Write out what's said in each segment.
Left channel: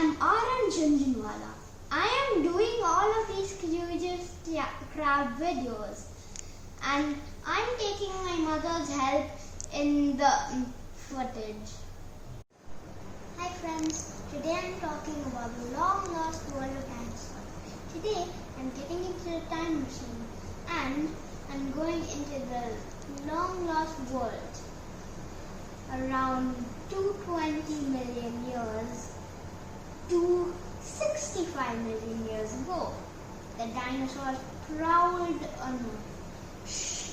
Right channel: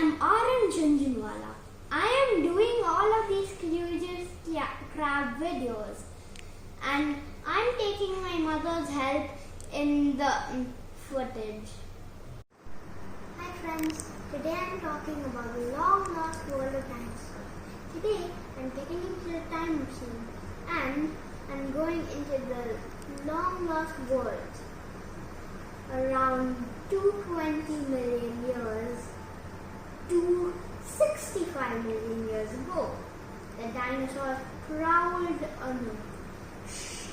am Aaran. I am doing all of these curious crab videos, and I'm taking my mother's help in the footage. Hi friends, today I'm talking about the long lost world of dinosaurs. Today I'm getting into the time machine and I'm going into the long lost world around 220 million years to 65 million years ago. The dinosaurs prowled on Earth.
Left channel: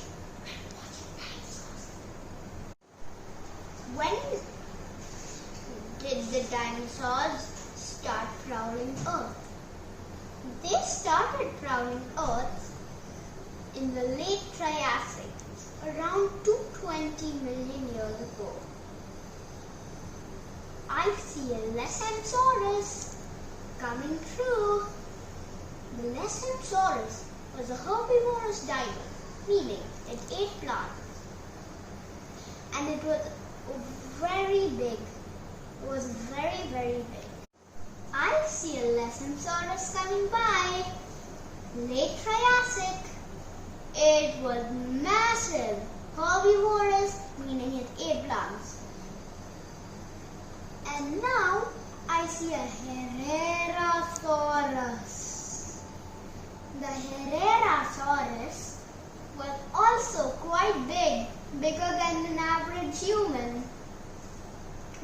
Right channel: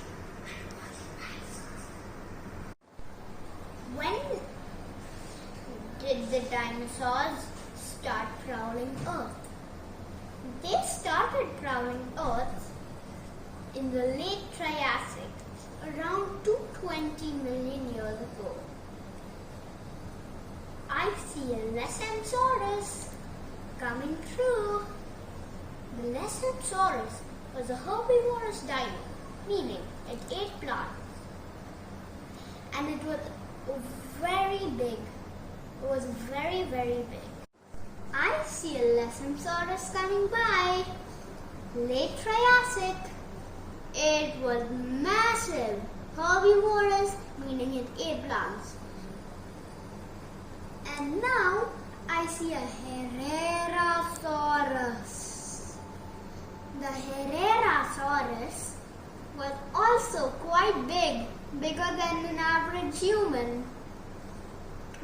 When did the dinosaurs start prowling Earth? They started prowling Earth in the late Triassic, around 220 million years ago. I see a Lesensaurus coming through. The Lesensaurus was a herbivorous dino, meaning it ate plants. And it was very big. It was very, very big. I see a Lesensaurus coming by. Late Triassic. It was massive. Herbivorous, meaning it ate plants. And now I see a Herrerasaurus. The Herrerasaurus was also quite big, bigger than an average human.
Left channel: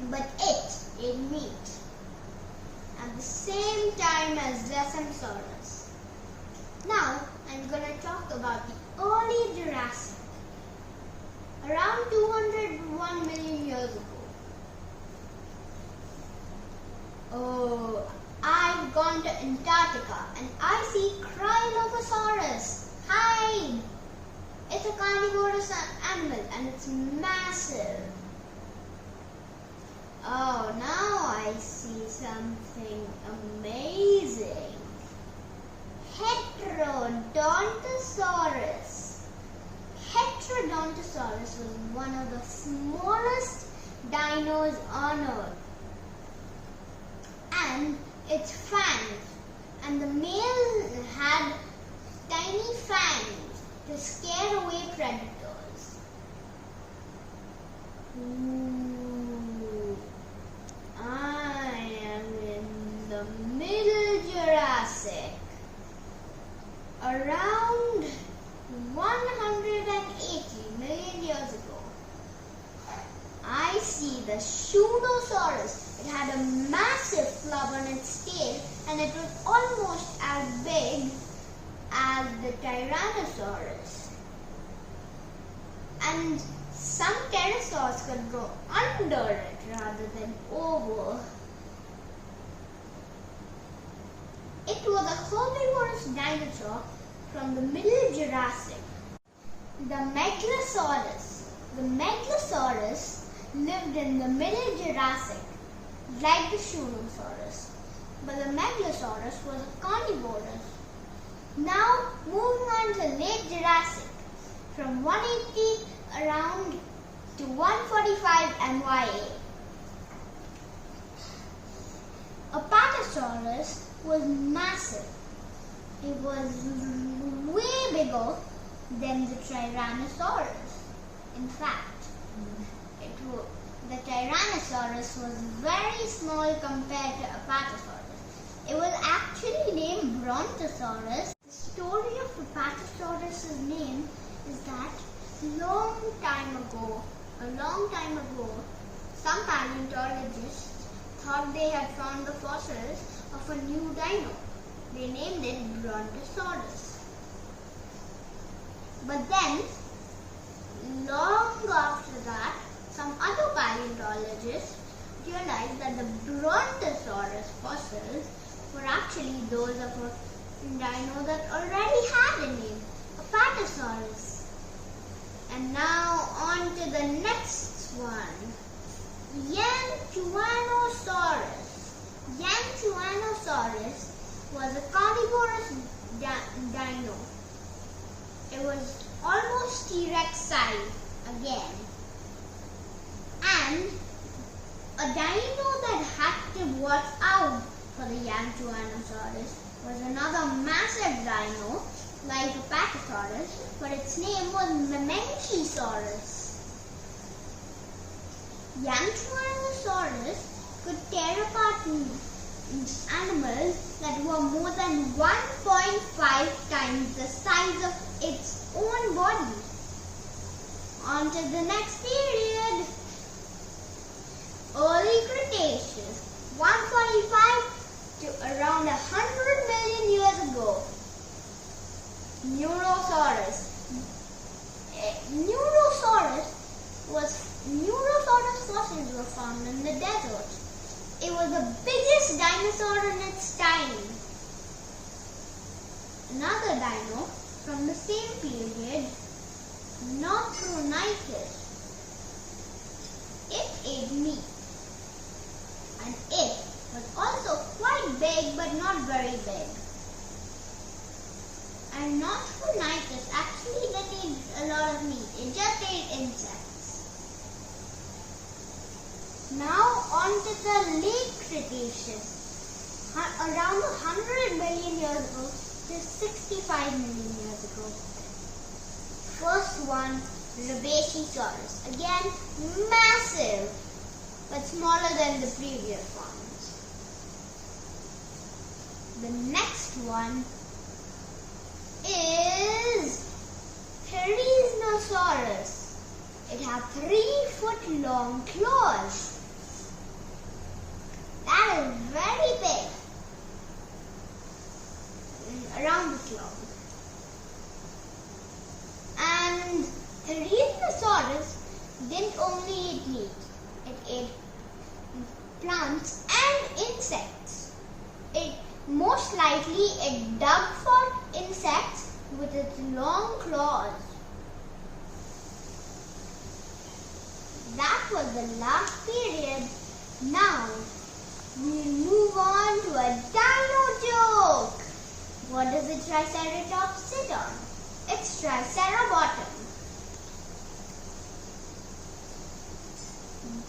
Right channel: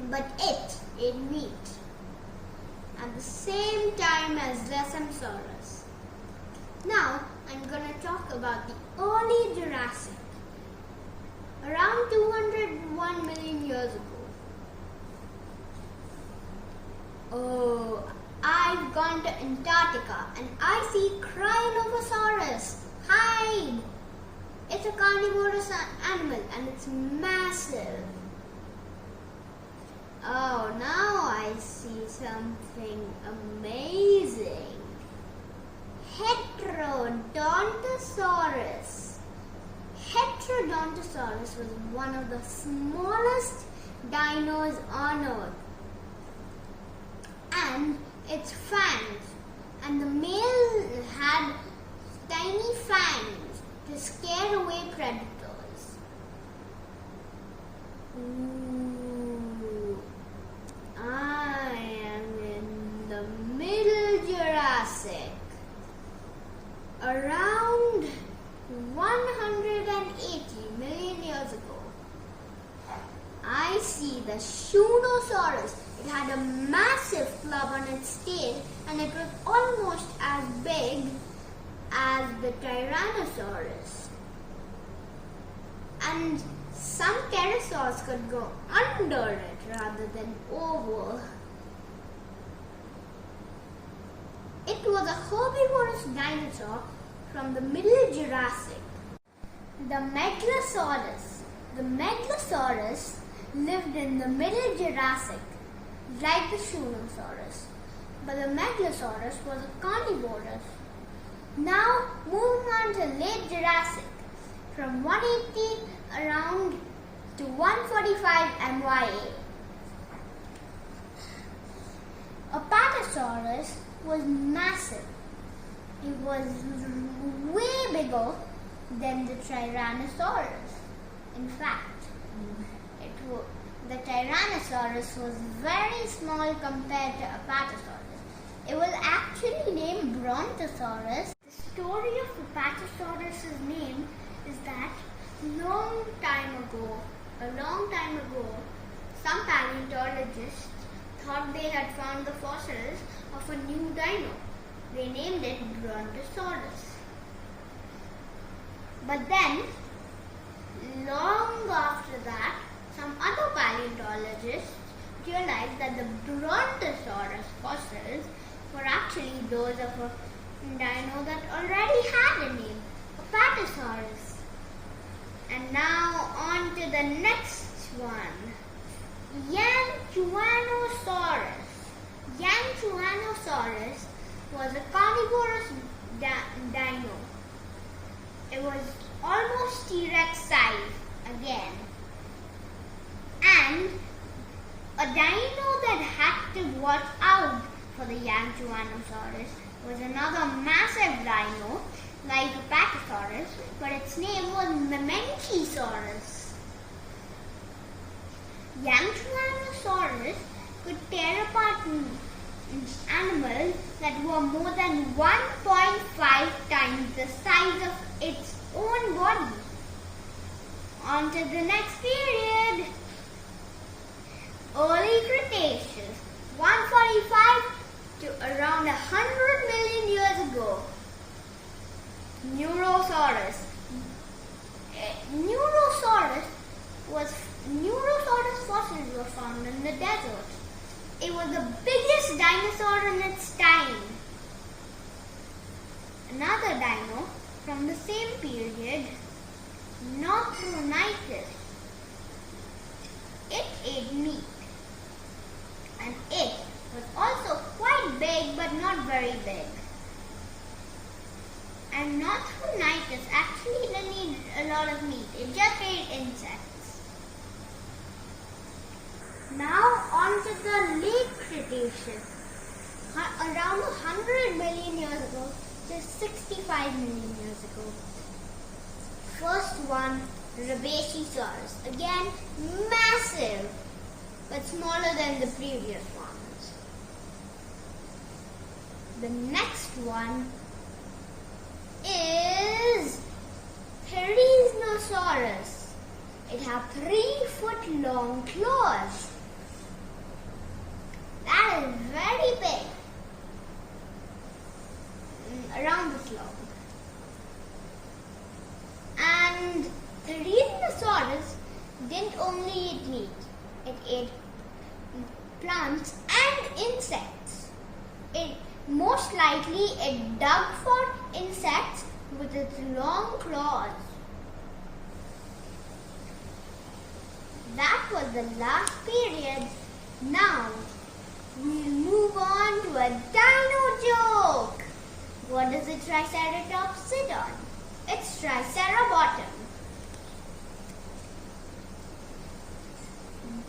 But it ate meat at the same time as Lesensaurus. Now I'm going to talk about the early Jurassic, around 201 million years ago. Oh, I've gone to Antarctica and I see Cryolophosaurus. Hide! It's a carnivorous animal and it's massive. Oh, now I see something amazing. Heterodontosaurus. Heterodontosaurus was one of the smallest dinos on Earth. And its fangs, and the male had tiny fangs to scare away predators. Ooh, I am in the Middle Jurassic, around 180 million years ago. I see the Shunosaurus. It had a massive club on its tail and it was almost as big as the Tyrannosaurus. And some pterosaurs could go under it rather than over. It was a herbivorous dinosaur from the Middle Jurassic. The Megalosaurus. The Megalosaurus lived in the Middle Jurassic, like the Shunosaurus, but the Megalosaurus was a carnivorous. Now moving on to late Jurassic, from 180 around to 145 MYA. Apatosaurus was massive. It was way bigger than the Tyrannosaurus. In fact, the Tyrannosaurus was very small compared to Apatosaurus. It was actually named Brontosaurus. The story of Apatosaurus' name is that a long time ago, some paleontologists thought they had found the fossils of a new dino. They named it Brontosaurus. But then, long after that, some other paleontologists realized that the Brontosaurus fossils were actually those of a dino that already had a name, Apatosaurus. And now on to the next one, Yanchuanosaurus. Yanchuanosaurus was a carnivorous dino. It was almost T-Rex size again. And a dino that had to watch out for the young Tyrannosaurus was another massive dino like Apatosaurus, but its name was Mamenchisaurus. Young Tyrannosaurus could tear apart animals that were more than 1.5 times the size of its own body. On to the next period. Early Cretaceous, 145 to around 100 million years ago. Neurosaurus. Neurosaurus fossils were found in the desert. It was the biggest dinosaur in its time. Another dino from the same period, Nothronitis. It ate meat, and it was also quite big but not very big. And Nothronitis actually didn't eat a lot of meat, it just ate insects. Now on to the late Cretaceous, around 100 million years ago to 65 million years ago. First one, Rubicosaurus, again massive but smaller than the previous ones. The next one is Therizinosaurus. It had 3-foot long claws. That is very big, around this long. And Therizinosaurus didn't only eat meat, it ate plants and insects. Most likely it dug for insects with its long claws. That was the last period. Now we'll move on to a dino joke. What does a Triceratops sit on? It's Tricerabottom.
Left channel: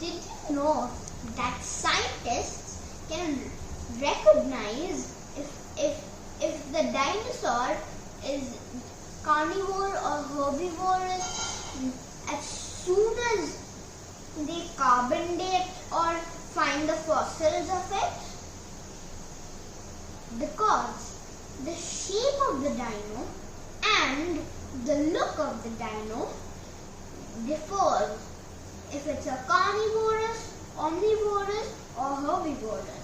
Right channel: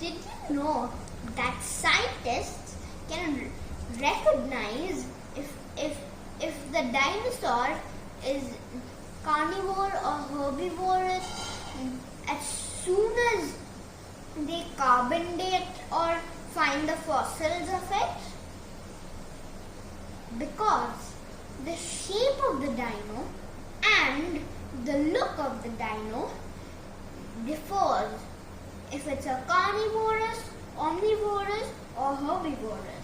Did you know that scientists can recognize if the dinosaur is carnivore or herbivorous as soon as they carbon date or find the fossils of it? Because the shape of the dino and the look of the dino differs if it's a carnivorous, omnivorous or herbivorous.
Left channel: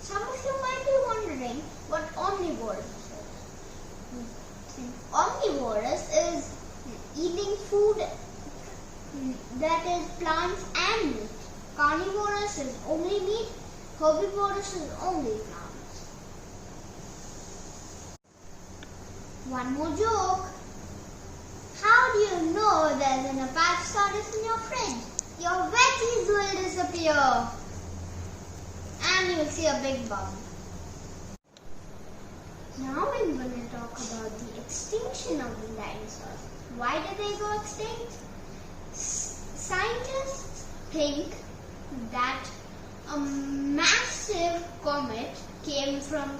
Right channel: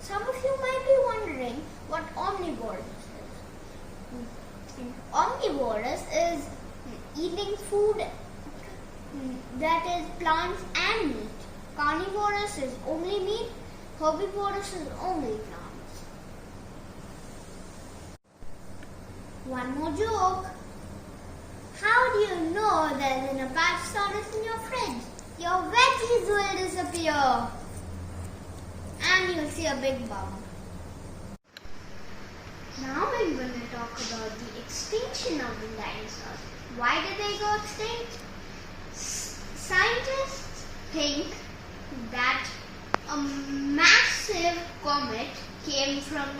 Some of you might be wondering what omnivorous is. Omnivorous is eating food that is plants and meat. Carnivorous is only meat, herbivorous is only plants. One more joke. How do you know there's an Apatosaurus in your fridge? Your veggies will disappear. And you'll see a big bump. Now we're going to talk about the extinction of the dinosaurs. Why did they go extinct? Scientists think that a massive comet came from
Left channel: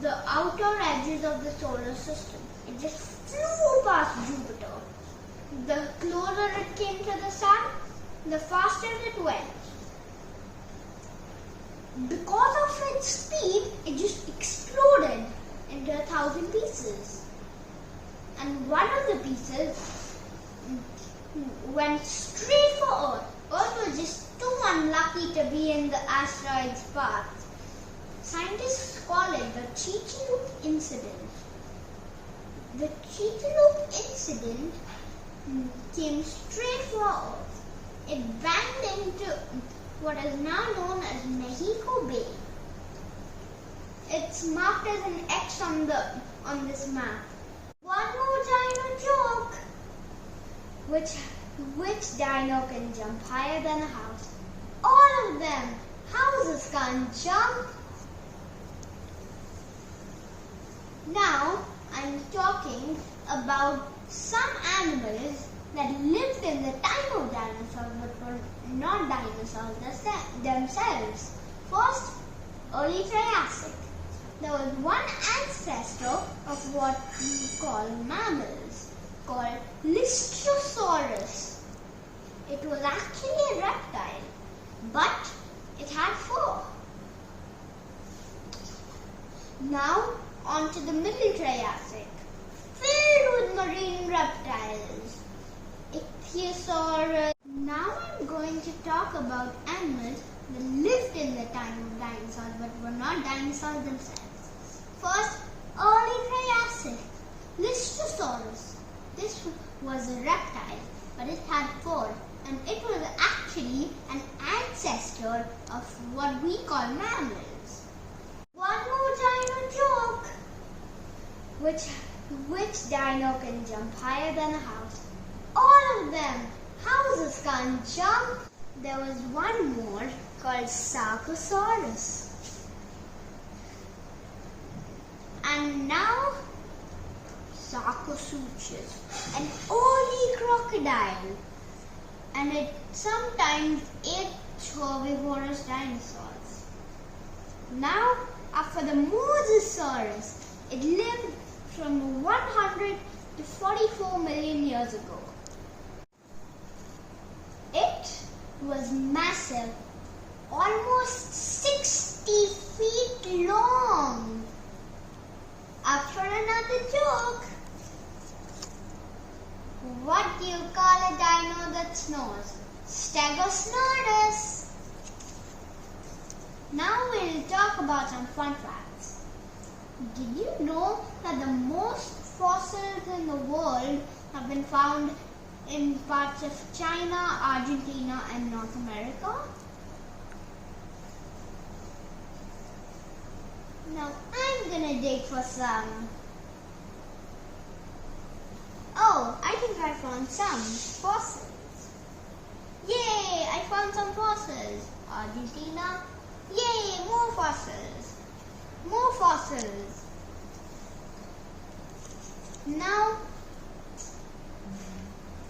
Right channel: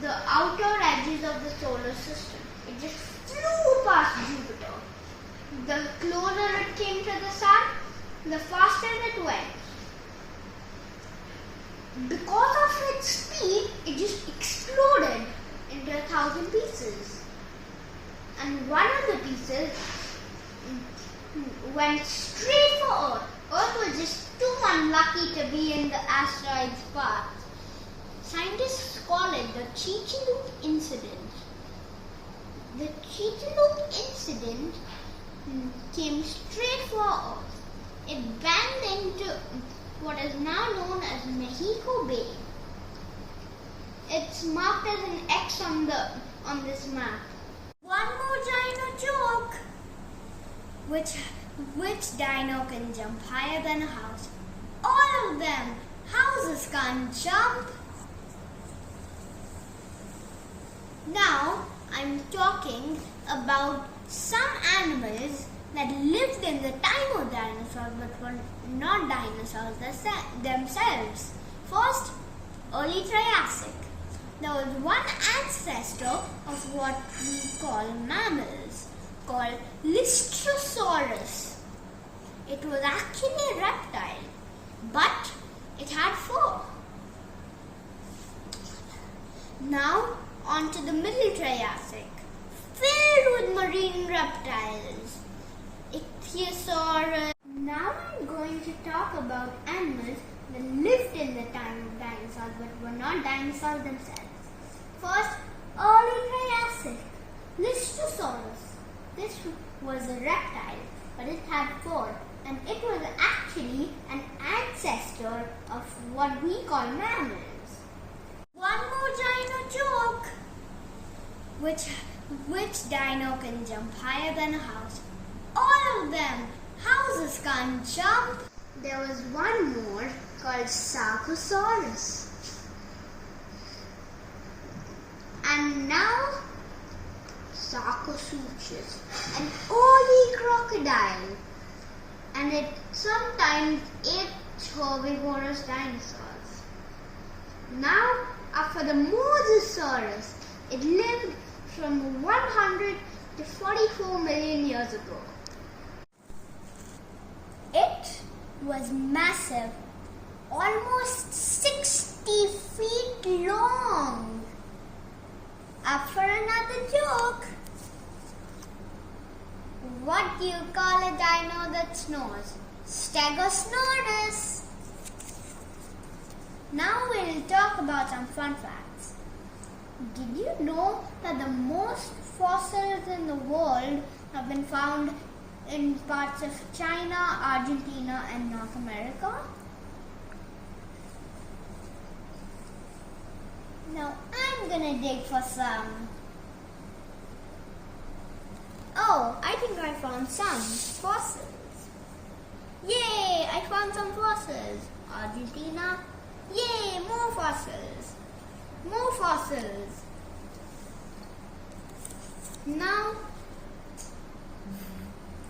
the outer edges of the solar system. It just flew past Jupiter. The closer it came to the sun, the faster it went. Because of its speed, it just exploded into 1,000 pieces. And one of the pieces went straight for Earth. Earth was just too unlucky to be in the asteroid's path. Scientists call it the Chicxulub incident. The Chicxulub incident came straight for Earth. It banged into what is now known as Mexico Bay. It's marked as an X on this map. One more dino joke. Which dino can jump higher than a house? All of them. Houses can't jump. Now I'm talking about some animals that lived in the time of dinosaurs but were not dinosaurs themselves. First, early Triassic, there was one ancestor of what we call mammals called Lystrosaurus. It was actually a reptile, but it had fur. Now on to the Middle Triassic, filled with marine reptiles. Ichthyosaurus. Now I'm going to talk about animals that lived in the time of dinosaurs but were not dinosaurs themselves. First, early Triassic, Lystrosaurus. This was a reptile, but it had fur, and it was actually an ancestor of what we call mammals. One more dino joke. Which dino can jump higher than a house? All of them. Houses can't jump. There was one more called Sarcosaurus. And now Sarcosuchus, an early crocodile. And it sometimes ate herbivorous dinosaurs. Now, after the Mosasaurus, it lived from 100 to 44 million years ago. It was massive, almost 60 feet long. Up for another joke. What do you call a dino that snores? Stegosaurus. Now we'll talk about some fun facts. Did you know that the most fossils in the world have been found in parts of China, Argentina, and North America? Now I'm gonna dig for some. Oh, I think I found some fossils. Yay, I found some fossils. Argentina. Yay, more fossils. More fossils. Now,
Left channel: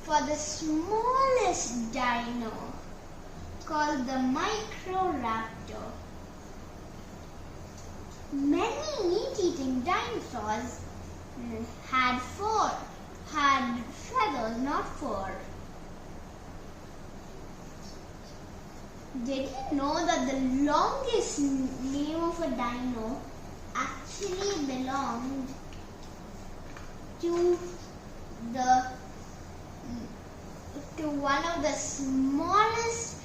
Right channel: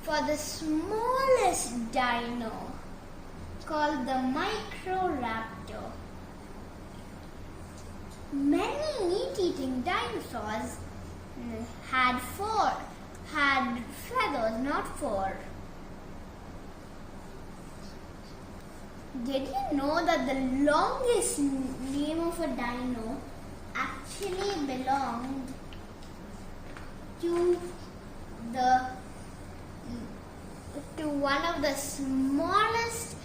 for the smallest dino, called the Microraptor. Many meat-eating dinosaurs had feathers, not fur. Did you know that the longest name of a dino actually belonged to one of the smallest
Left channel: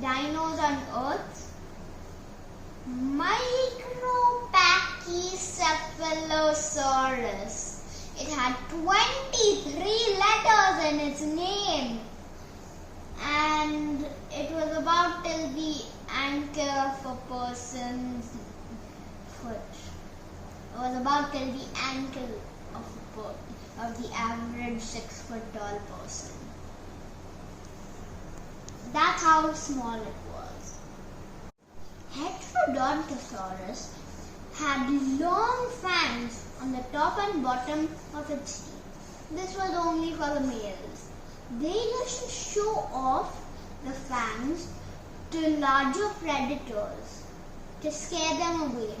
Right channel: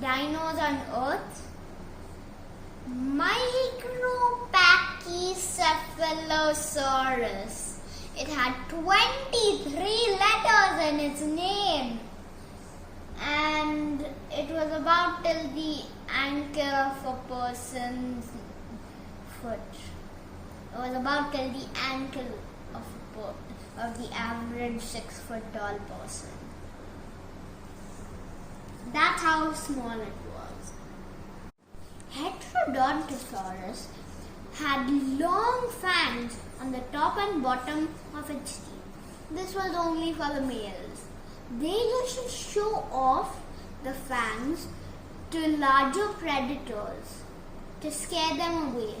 dinos on Earth? Micropachycephalosaurus. It had 23 letters in its name, and it was about till the ankle of a person's foot. It was about till the ankle of the average 6 foot tall person. That's how small it was. Heterodontosaurus had long fangs on the top and bottom of its teeth. This was only for the males. They used to show off the fangs to larger predators to scare them away.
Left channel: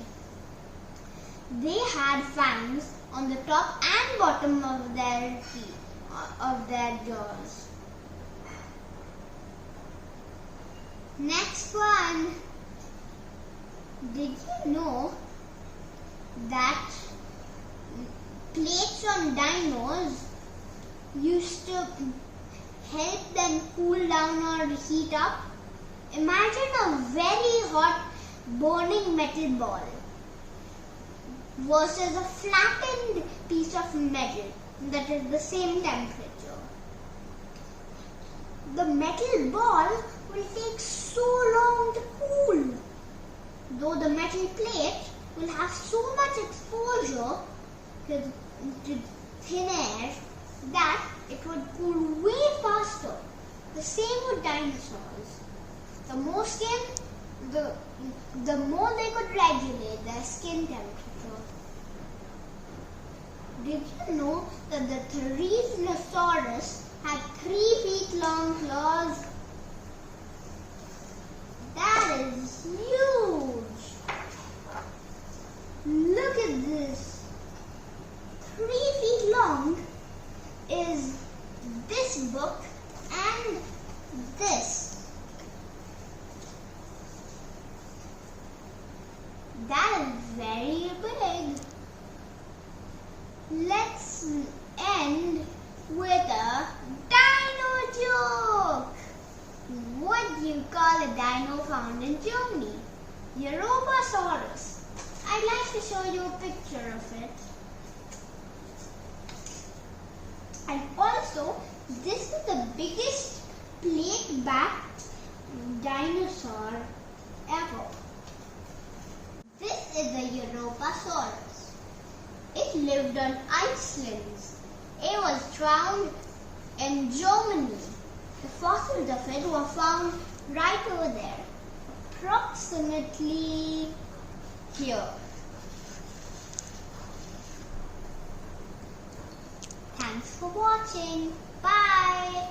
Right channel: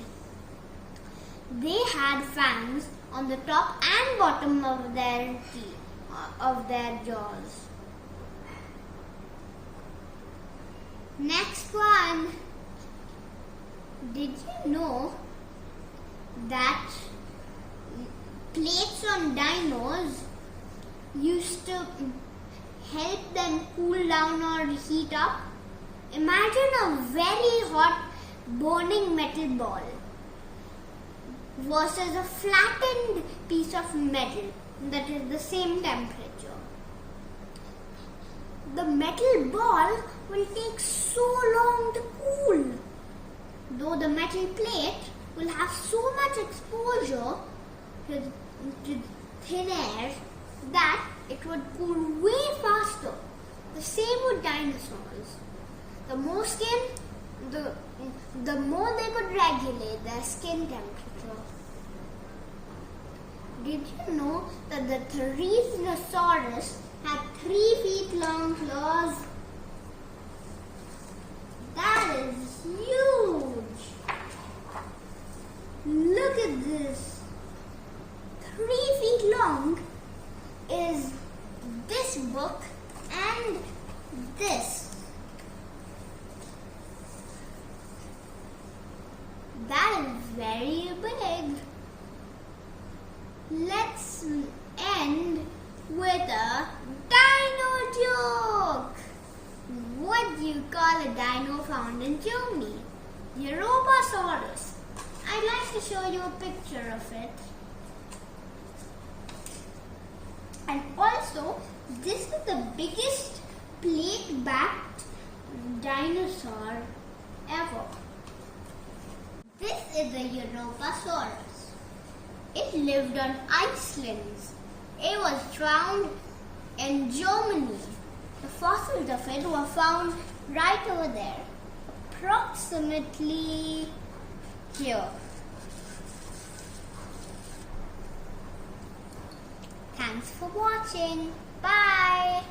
They had fangs on the top and bottom of their teeth, of their jaws. Next one. Did you know that plates on dinos used to help them cool down or heat up? Imagine a very hot burning metal ball versus a flattened piece of metal that is the same temperature. The metal ball will take so long to cool, though the metal plate will have so much exposure to thin air that it would cool way faster. The same with dinosaurs. The more skin, the more they could regulate their skin temperature. Did you know that the Dinosaurus had 3 feet long claws? That is huge. this book and this. That is very big. Let's end with a dino joke. What do you call a dino found in Germany? Europasaurus. I'd like to show you a picture of it. And also, this is the biggest plate-backed dinosaur ever. This is the Europasaurus. It lived on Iceland. It was found in Germany. The fossils of it were found right over there, approximately here. Thanks for watching. Bye.